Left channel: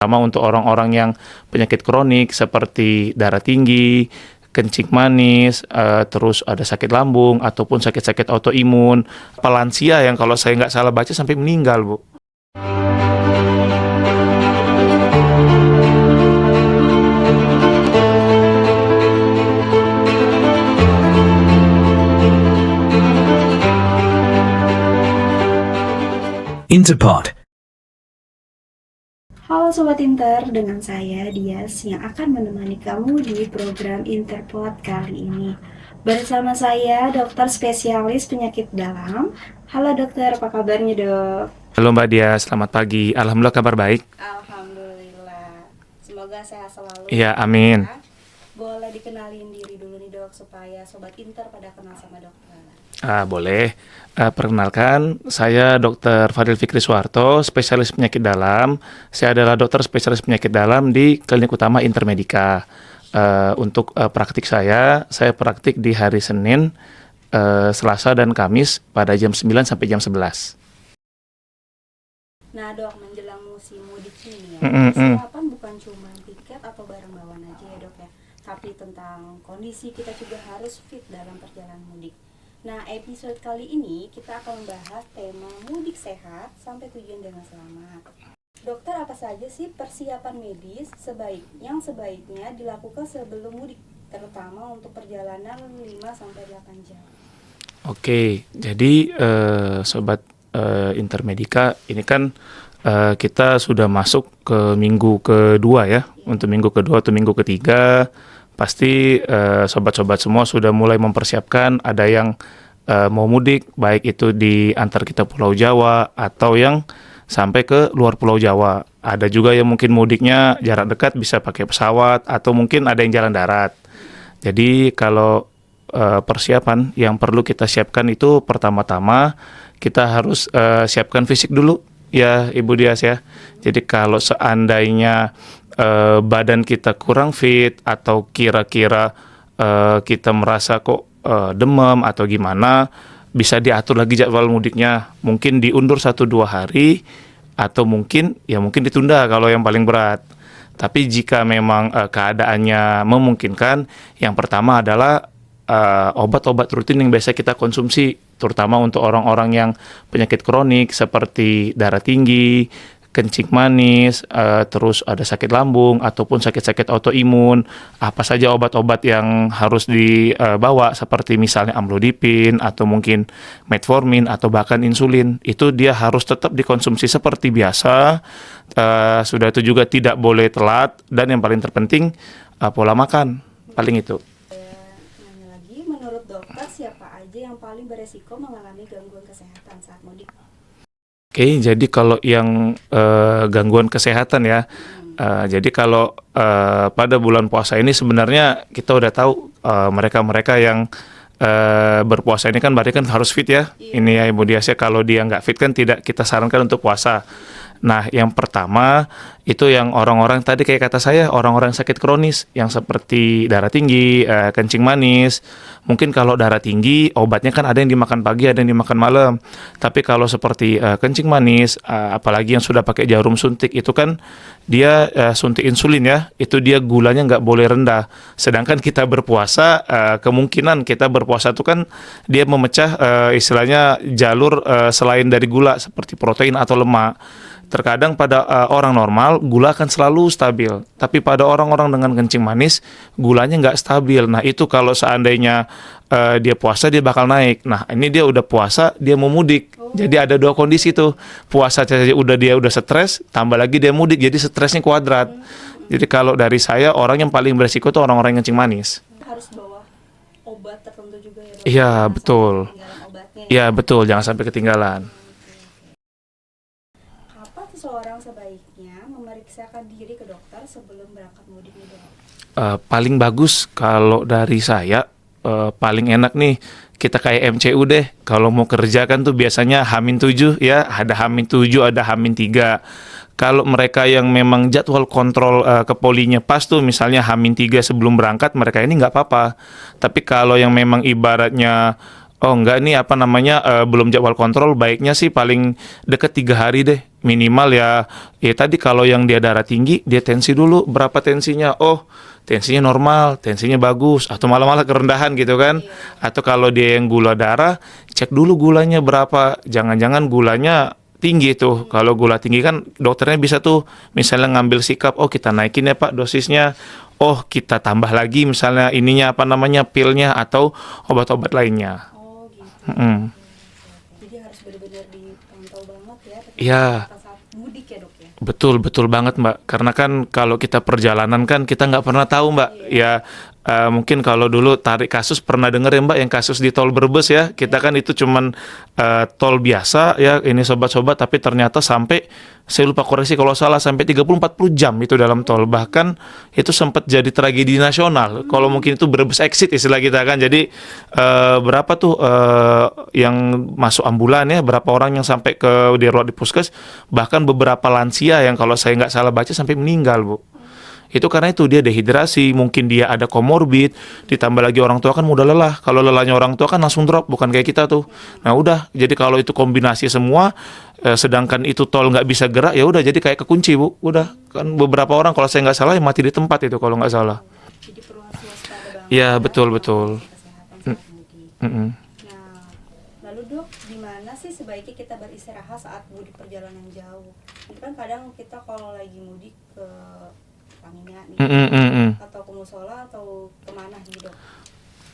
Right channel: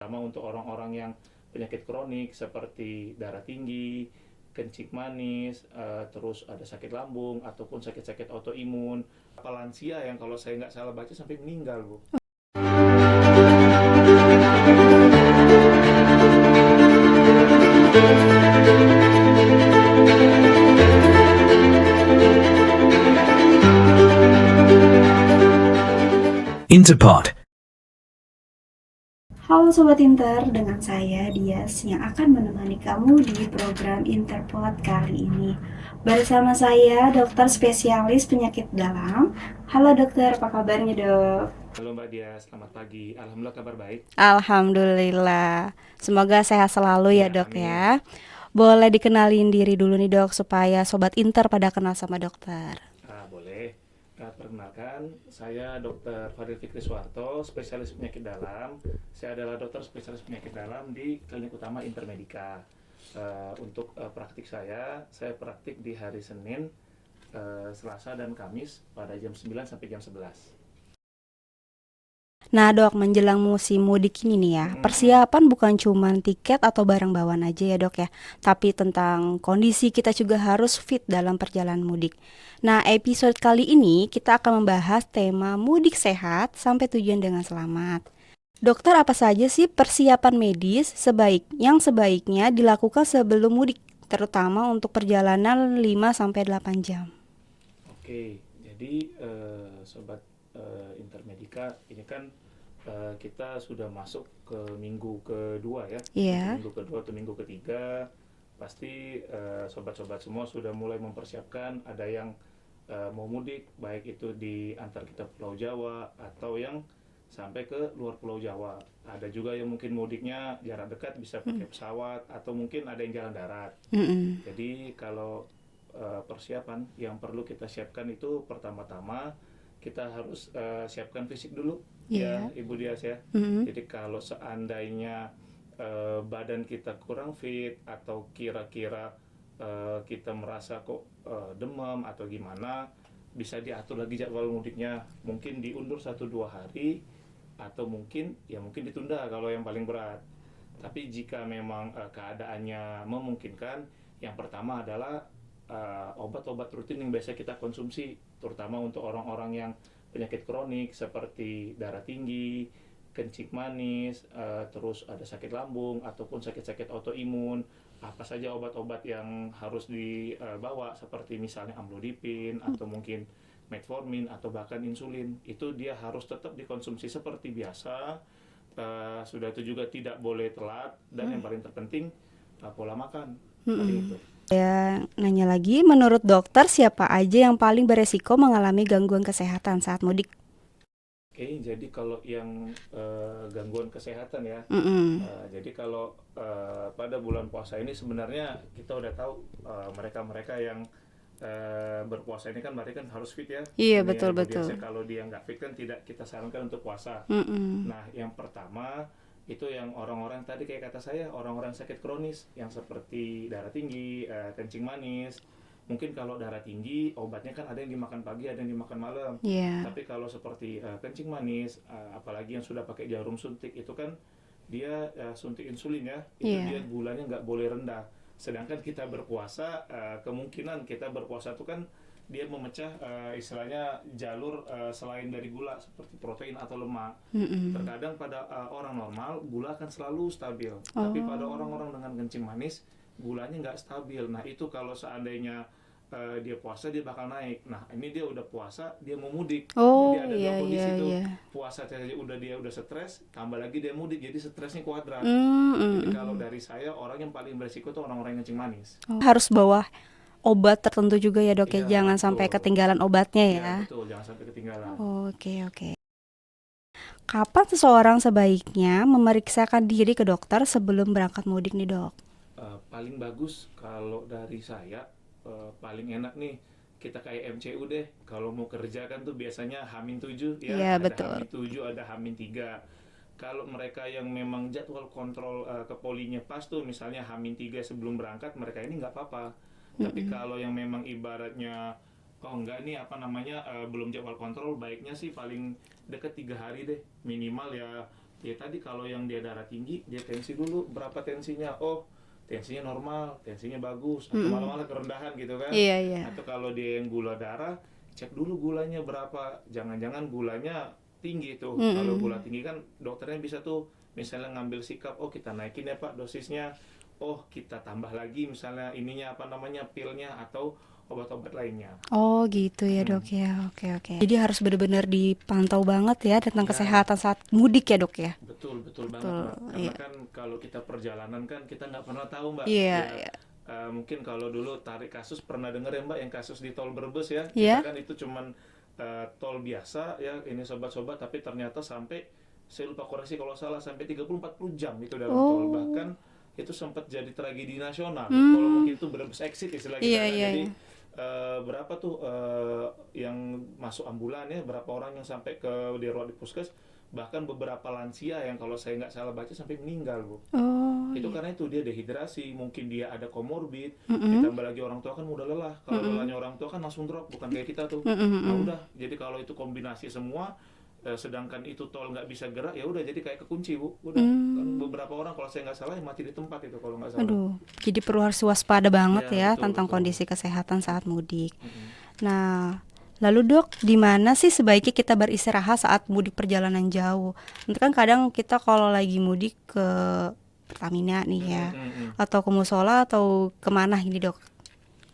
Sama untuk orang-orang yang penyakit kronik seperti darah tinggi, kencing manis, terus ada sakit lambung ataupun sakit-sakit autoimun, lansia yang kalau saya nggak salah baca sampai meninggal, Bu. Interpod. Halo Sobat Inter, dengan saya Dias yang akan menemani kamu di program Interpod kali ini. Bersama saya dokter spesialis penyakit dalam. Halo dokter, apa kabarnya dok? Halo Mbak Dia, selamat pagi. Alhamdulillah kabar baik. Alhamdulillah, semoga sehat selalu Ya, ya dok amin. ya. Boleh dikenalin diri dulu nih dok, supaya Sobat Inter pada kenal sama dokter. Boleh. Perkenalkan, saya Dr. Fadil Fikri Suharto, spesialis penyakit dalam. Saya adalah dokter spesialis penyakit dalam di Klinik Utama Intermedica. Untuk praktik saya praktik di hari Senin, Selasa, dan Kamis pada jam 9 sampai jam 11. Nah dok, menjelang musim mudik ini nih ya, Mm-mm-mm. persiapan bukan cuma tiket atau barang bawaan aja ya dok ya, tapi tentang kondisi kita juga harus fit dalam perjalanan mudik. Nah, episode kali ini kita akan membahas tema mudik sehat sampai tujuan dengan selamat. Dokter, apa saja sih persiapan medis yang sebaiknya dilakukan sebelum mudik, terutama untuk perjalanan 5-8 jam? Oke, jadi Sobat Intermedica, ini kan kita sudah masuk ke minggu kedua ya. Iya. Untuk minggu kedua atau minggu ketiga, pasti sobat-sobat semua sudah mulai mempersiapkan. Ada yang mau mudik, baik itu di antar kita Pulau Jawa atau yang sampai ke luar Pulau Jawa. Ada juga yang mungkin mudiknya jarak dekat bisa pakai pesawat atau mungkin ada yang jalan darat. Jadi kalau persiapan yang perlu kita siapkan itu pertama-tama kita harus siapkan fisik dulu ya Ibu Dias ya. Jadi kalau seandainya badan kita kurang fit atau kira-kira kita merasa kok demam atau gimana, bisa diatur lagi jadwal mudiknya. Mungkin diundur 1-2 hari atau mungkin ditunda kalau yang paling berat. Tapi jika memang keadaannya memungkinkan, yang pertama adalah obat-obat rutin yang biasa kita konsumsi, terutama untuk orang-orang yang penyakit kronik seperti darah tinggi, kencing manis, terus ada sakit lambung ataupun sakit-sakit autoimun. Apa saja obat-obat yang harus dibawa seperti misalnya amlodipin atau mungkin metformin atau bahkan insulin. Itu dia harus tetap dikonsumsi seperti biasa. Sudah itu juga tidak boleh telat, dan yang paling terpenting pola makan. Paling itu. Ya, nanya lagi, menurut dokter siapa aja yang paling beresiko mengalami gangguan kesehatan saat mudik? Oke, jadi kalau yang gangguan kesehatan ya, jadi kalau pada bulan puasa ini sebenarnya kita udah tahu mereka-mereka yang berpuasa ini kan berarti kan harus fit ya. Iya, Ini ya betul, Ibu Dias ya, kalau dia nggak fit kan tidak kita sarankan untuk puasa. Nah, yang pertama itu yang orang-orang tadi kayak kata saya, orang-orang sakit kronis yang seperti darah tinggi, kencing manis. Mungkin kalau darah tinggi obatnya kan ada yang dimakan pagi, ada yang dimakan malam. Iya. Tapi kalau seperti kencing manis, apalagi yang sudah pakai jarum suntik, itu kan dia suntik insulin ya, itu dia gulanya nggak boleh rendah. Sedangkan kita berpuasa, kemungkinan kita berpuasa itu kan dia memecah istilahnya jalur selain dari gula seperti protein atau lemak. Terkadang pada orang normal gula akan selalu stabil, tapi pada orang-orang dengan kencing manis gulanya nggak stabil. Nah itu kalau seandainya dia puasa dia bakal naik. Nah ini dia udah puasa dia mau mudik. Jadi ada dua kondisi tuh. Puasa saja dia udah stres, tambah lagi dia mudik, jadi stresnya kuadrat. Jadi kalau dari saya, orang yang paling beresiko tuh orang-orang yang kencing manis. Harus bawa obat tertentu juga ya dok, Iya, jangan betul. sampai ketinggalan obatnya ya. Iya betul, jangan sampai ketinggalan. Oke. Kapan seseorang sebaiknya memeriksakan diri ke dokter sebelum berangkat mudik nih dok? Paling bagus kalau dari saya, paling enak nih kita kayak MCU deh. Kalau mau kerja kan tuh biasanya H-7 ya, ada betul. H-7, ada H-3. Kalau mereka yang memang jadwal kontrol ke polinya pas tuh, misalnya H-3 sebelum berangkat, mereka ini nggak apa-apa. Tapi kalau yang memang ibaratnya Oh enggak, nih apa namanya, belum jadwal kontrol, baiknya sih paling deket 3 hari deh minimal ya. Ya tadi kalau yang dia darah tinggi, dia tensi dulu berapa tensinya. Oh tensinya normal, tensinya bagus, atau malah-malah kerendahan gitu kan. Iya, iya. Atau kalau dia yang gula darah, cek dulu gulanya berapa. Jangan-jangan gulanya tinggi tuh. Kalau gula tinggi kan dokternya bisa tuh misalnya ngambil sikap, oh kita naikin ya Pak dosisnya. Oh kita tambah lagi misalnya ininya apa namanya pilnya atau obat-obat lainnya. Oh gitu ya Mm. dok ya, oke oke. Jadi harus benar-benar dipantau banget ya tentang Ya, kesehatan saat mudik ya dok ya. betul, betul banget Mbak. Karena kan kalau kita perjalanan kan kita nggak pernah tahu Mbak. Iya, Ya, iya. mungkin kalau dulu tarik kasus pernah denger ya Mbak yang kasus di tol Brebes ya. Kita Iya. kan itu cuman tol biasa ya ini sobat-sobat, tapi ternyata sampai saya lupa koreksi kalau salah sampai 30-40 jam itu dalam tol. Bahkan itu sempat jadi tragedi nasional. Kalau mungkin itu Brebes exit istilah kita Iya, kan. iya. Jadi berapa tuh yang masuk ambulan ya, berapa orang yang sampai ke dirawat di puskes, bahkan beberapa lansia yang kalau saya nggak salah baca sampai meninggal Bu. Itu karena itu dia dehidrasi, mungkin dia ada komorbid, ditambah lagi orang tua kan mudah lelah. Kalau lelahnya orang tua kan langsung drop, bukan kayak kita tuh. Nah udah, jadi kalau itu kombinasi semua, sedangkan itu tol nggak bisa gerak, ya udah jadi kayak kekunci Bu. Udah kan beberapa orang kalau saya nggak salah ya mati di tempat itu kalau nggak salah. Jadi perlu harus waspada banget Ya, ya betul, tentang betul. kondisi kesehatan saat mudik. Mm-mm. Nah, lalu dok, di mana sih sebaiknya kita beristirahat saat mudik perjalanan jauh? Nanti kan kadang kita kalau lagi mudik ke Pertamina nih, atau ke musola atau kemana gitu dok?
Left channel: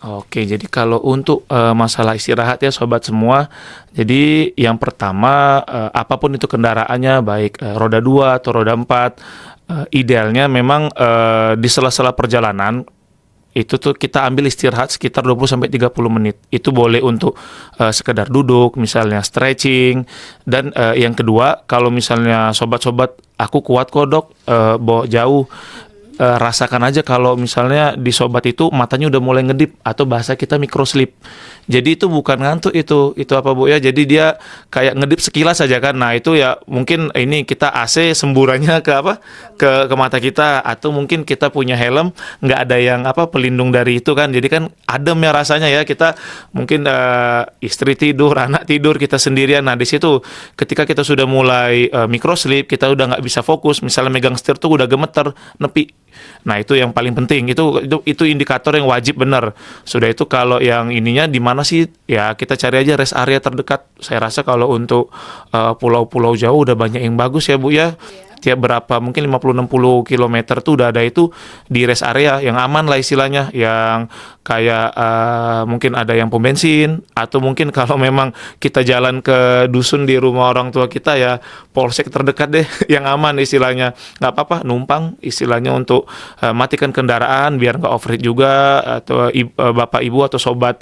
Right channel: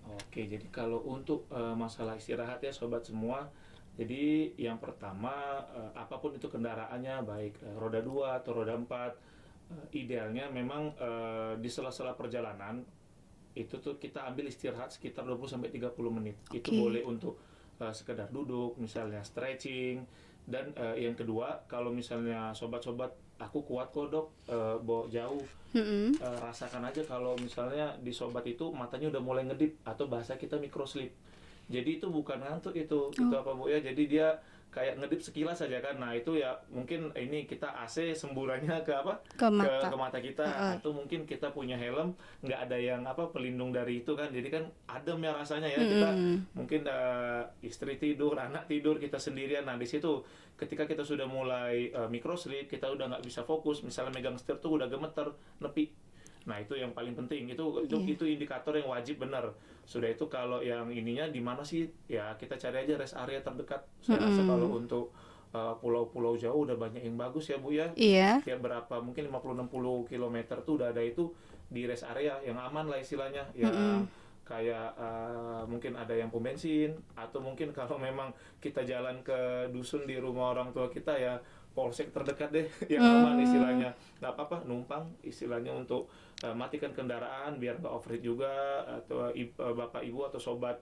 Oke, jadi kalau untuk masalah istirahat ya sobat semua, jadi yang pertama apapun itu kendaraannya, baik roda 2 atau roda 4, idealnya memang di sela-sela perjalanan itu tuh kita ambil istirahat sekitar 20-30 menit. Itu boleh untuk sekedar duduk, misalnya stretching. Dan yang kedua, kalau misalnya sobat-sobat, aku kuat kok dok, bawa jauh. Rasakan aja kalau misalnya di sobat itu matanya udah mulai ngedip atau bahasa kita micro sleep. Jadi itu bukan ngantuk itu apa Bu ya. Jadi dia kayak ngedip sekilas saja kan. Nah, itu ya mungkin ini kita AC semburannya ke apa? Ke mata kita, atau mungkin kita punya helm nggak ada yang apa pelindung dari itu kan. Jadi kan adem ya rasanya ya. Kita mungkin istri tidur, anak tidur, kita sendirian. Nah, di situ ketika kita sudah mulai micro sleep, kita udah nggak bisa fokus. Misalnya megang setir tuh udah gemeter, nepi. Nah, itu yang paling penting. Itu indikator yang wajib benar. Sudah itu kalau yang ininya di mana sih? Ya kita cari aja rest area terdekat. Saya rasa kalau untuk pulau-pulau jauh udah banyak yang bagus ya Bu ya. Iya. Tiap berapa mungkin 50-60 kilometer tuh udah ada itu di rest area yang aman lah istilahnya, yang kayak mungkin ada yang pom bensin, atau mungkin kalau memang kita jalan ke dusun di rumah orang tua kita ya polsek terdekat deh yang aman istilahnya. Nggak apa-apa numpang istilahnya untuk matikan kendaraan biar nggak overheat juga, atau bapak ibu atau sobat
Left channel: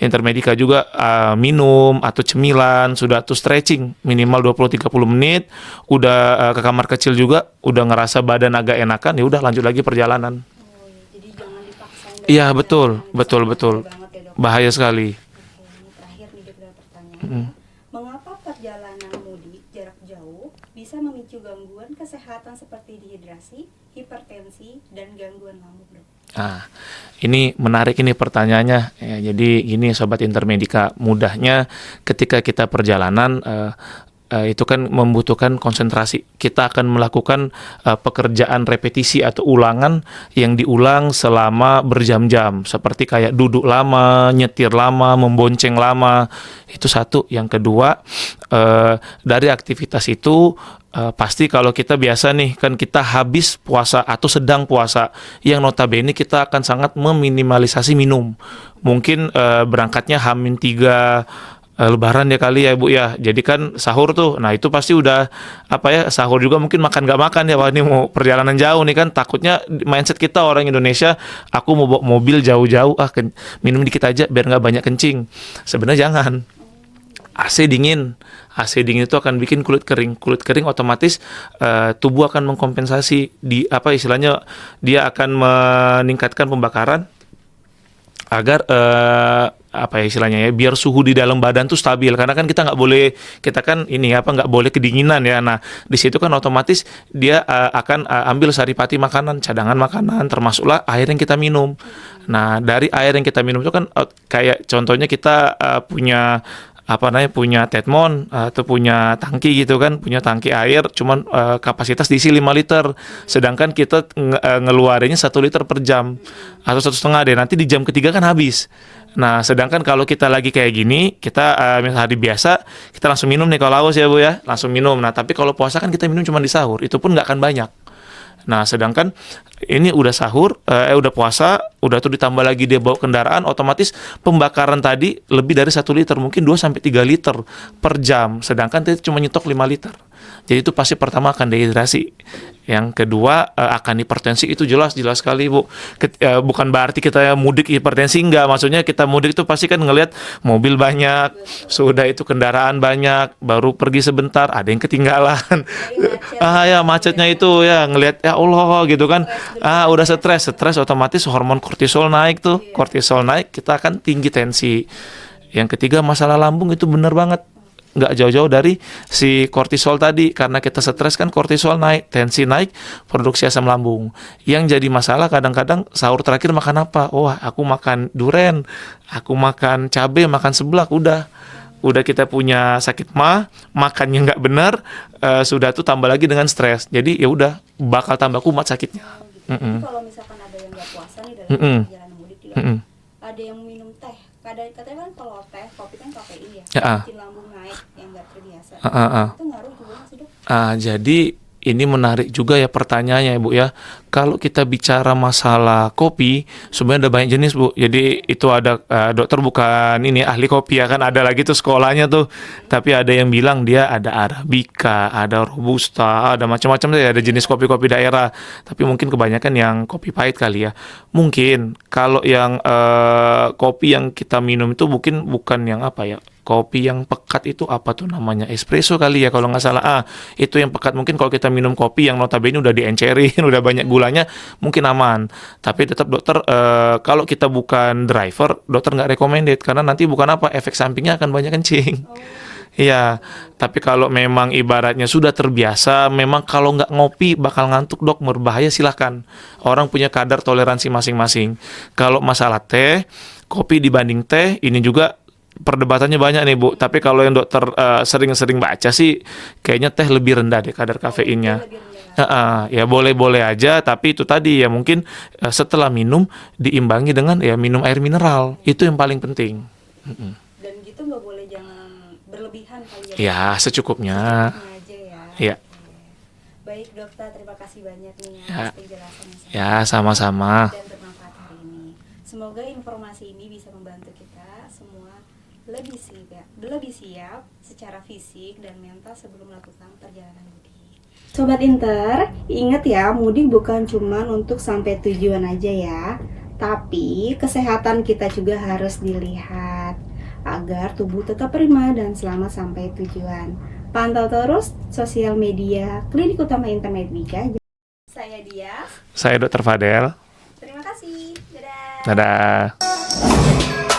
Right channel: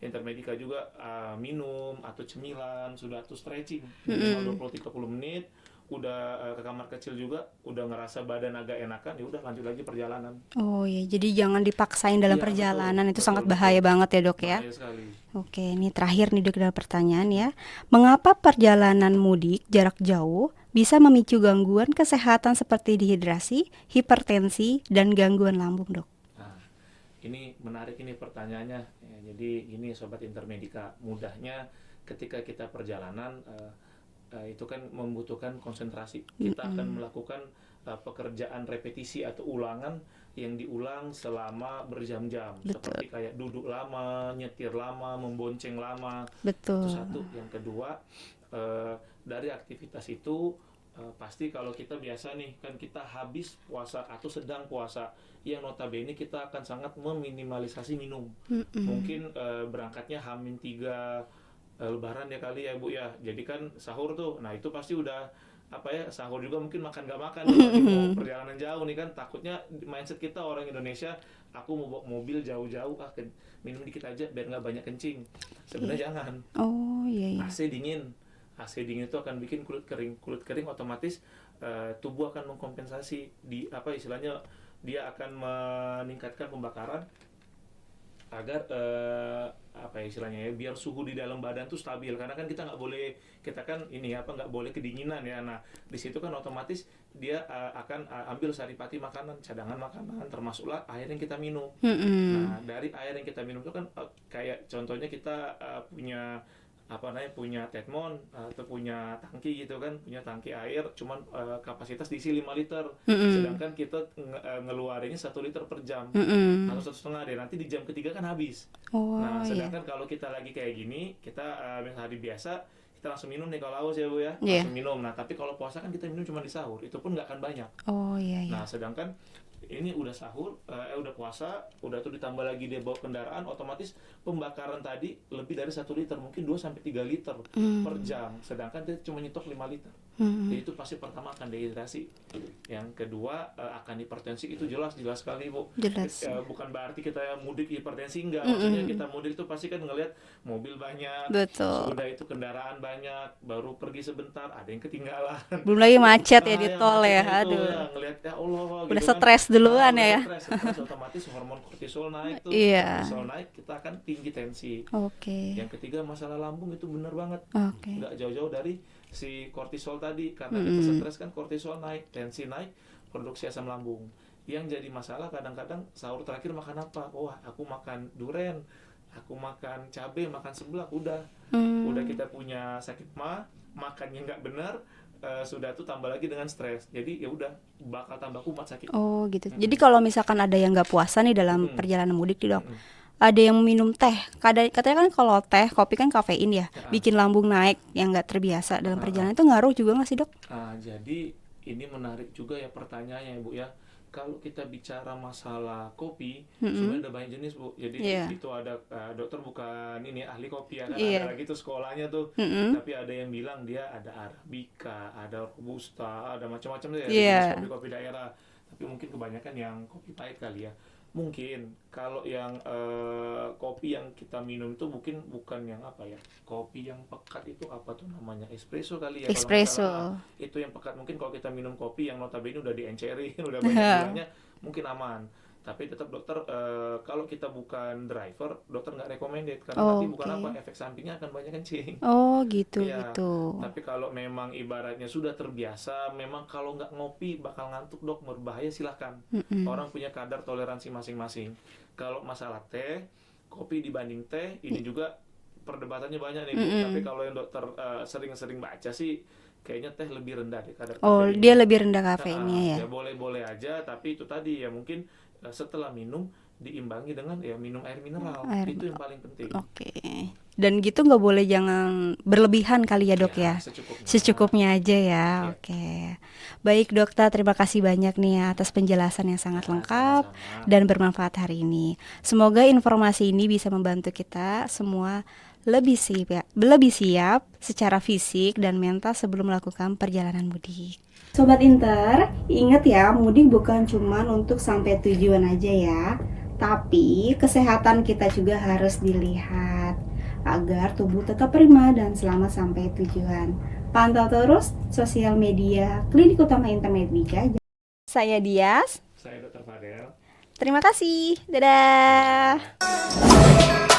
intermedika juga minum atau cemilan, sudah tuh stretching minimal 20-30 menit, udah ke kamar kecil juga udah ngerasa badan agak enakan, ya udah lanjut lagi perjalanan. Oh ya, jadi jangan dipaksain dalam Iya betul, perjalanan. Itu betul, sangat betul. bahaya banget ya dok. Bahaya sekali. Oke, ini terakhir nih dok, ada pertanyaan ya. Mengapa perjalanan mudik jarak jauh bisa memicu gangguan kesehatan seperti dehidrasi, hipertensi, dan gangguan lambung dok? Nah, ini menarik ini pertanyaannya. Ya, jadi gini sobat intermedika, mudahnya ketika kita perjalanan itu kan membutuhkan konsentrasi. Kita akan melakukan pekerjaan repetisi atau ulangan yang diulang selama berjam-jam, seperti kayak duduk lama, nyetir lama, membonceng lama. Betul. Itu satu. Yang kedua, dari aktivitas itu pasti kalau kita biasa nih kan kita habis puasa atau sedang puasa, yang notabene kita akan sangat meminimalisasi minum. Mungkin berangkatnya H-3 Lebaran ya kali ya Bu ya. Jadi kan sahur tuh. Nah, itu pasti udah apa ya, sahur juga mungkin makan gak makan ya. Wah, ini mau perjalanan jauh nih kan, takutnya mindset kita orang Indonesia, aku mau bawa mobil jauh-jauh, minum dikit aja biar nggak banyak kencing. Sebenarnya jangan. Oh iya, iya. AC dingin. AC dingin itu akan bikin kulit kering. Kulit kering otomatis tubuh akan mengkompensasi di apa istilahnya, dia akan meningkatkan pembakaran agar apa ya istilahnya ya, biar suhu di dalam badan tuh stabil, karena kan kita nggak boleh, kita kan ini apa, nggak boleh kedinginan ya. Nah di situ kan otomatis dia akan ambil saripati makanan, cadangan makanan, termasuklah air yang kita minum. Nah dari air yang kita minum itu kan kayak contohnya kita punya apa namanya, punya tetmon atau punya tangki gitu kan, punya tangki air cuman kapasitas diisi 5 liter, sedangkan kita ngeluarinnya 1 liter per jam atau 1,5 deh, nanti di jam ketiga kan habis. Nah sedangkan kalau kita lagi kayak gini, kita misal hari biasa kita langsung minum nih kalau haus ya Bu ya, langsung minum. Nah tapi kalau puasa kan kita minum cuma di sahur, itu pun nggak akan banyak. Nah, sedangkan ini udah sahur, udah puasa, udah tuh ditambah lagi dia bawa kendaraan, otomatis pembakaran tadi lebih dari 1 liter, mungkin 2-3 liter per jam. Sedangkan dia cuma nyetok 5 liter. Jadi itu pasti pertama akan dehidrasi. Yang kedua akan hipertensi, itu jelas sekali Bu. Bukan berarti kita mudik hipertensi, enggak. Maksudnya kita mudik itu pasti kan ngelihat mobil banyak, sudah itu kendaraan banyak, baru pergi sebentar, ada yang ketinggalan. Belum lagi macet. Ya macetnya ya, itu ya ngelihat ya Allah gitu kan. Udah stres otomatis hormon kortisol naik tuh. Kortisol naik, kita akan tinggi tensi. Yang ketiga masalah lambung, itu benar banget. Nggak jauh-jauh dari si kortisol tadi, karena kita stres kan kortisol naik, tensi naik, produksi asam lambung. Yang jadi masalah kadang-kadang sahur terakhir makan apa? Wah, aku makan duren, aku makan cabai, makan seblak, udah kita punya sakit makannya nggak benar, sudah tuh tambah lagi dengan stres. Jadi ya udah bakal tambah kumat sakitnya. Oh gitu. Jadi kalau misalkan ada yang nggak puasa nih dalam perjalanan mudik nih Dok, ada yang minum teh. Katanya kan kalau teh, kopi kan kafein ya, bikin lambung naik yang nggak terbiasa. Itu ngaruh juga nggak sih Dok? Jadi ini menarik juga ya pertanyaannya Bu ya. Kalau kita bicara masalah kopi, sebenarnya ada banyak jenis Bu. Jadi itu ada dokter bukan ini ahli kopi ya kan, ada lagi tuh sekolahnya tuh. Tapi ada yang bilang dia ada Arabica, ada Robusta, ada macam-macam deh, ada jenis kopi-kopi daerah. Tapi mungkin kebanyakan yang kopi pahit kali ya. Mungkin kalau yang kopi yang kita minum itu mungkin bukan yang apa ya, kopi yang pekat itu apa tuh namanya, espresso kali ya kalau nggak salah. Itu yang pekat. Mungkin kalau kita minum kopi yang notabene udah diencerin, udah banyak gulanya, mungkin aman. Tapi tetap dokter, kalau kita bukan driver, dokter nggak recommended, karena nanti bukan apa, efek sampingnya akan banyak kencing. Gitu. Iya. Tapi kalau memang ibaratnya sudah terbiasa, memang kalau nggak ngopi bakal ngantuk Dok, berbahaya, silahkan. Orang punya kadar toleransi masing-masing. Kalau masalah teh, kopi dibanding teh, ini juga perdebatannya banyak nih Bu. Tapi kalau yang dokter sering-sering baca sih, kayaknya teh lebih rendah deh kadar kafeinnya. Dia lebih rendah kafeinnya. Ya boleh-boleh aja, tapi itu tadi ya mungkin setelah minum diimbangi dengan ya minum air mineral. Itu yang paling penting. Dan gitu nggak boleh, jangan berlebihan kali ya Dok. Ya secukupnya. Secukupnya aja ya. Oke. Baik dokter, terima kasih banyak nih atas penjelasan yang sangat lengkap sama-sama dan bermanfaat hari ini. Semoga informasi ini bisa membantu kita semua lebih siap secara fisik dan mental sebelum melakukan perjalanan mudik. Sobat Inter, ingat ya, mudik bukan cuma untuk sampai tujuan aja ya, tapi kesehatan kita juga harus dilihat agar tubuh tetap prima dan selamat sampai tujuan. Pantau terus sosial media Klinik Utama Intermedika. Saya Dias. Saya Dr. Fadel. Terima kasih. Dadah. Dadah.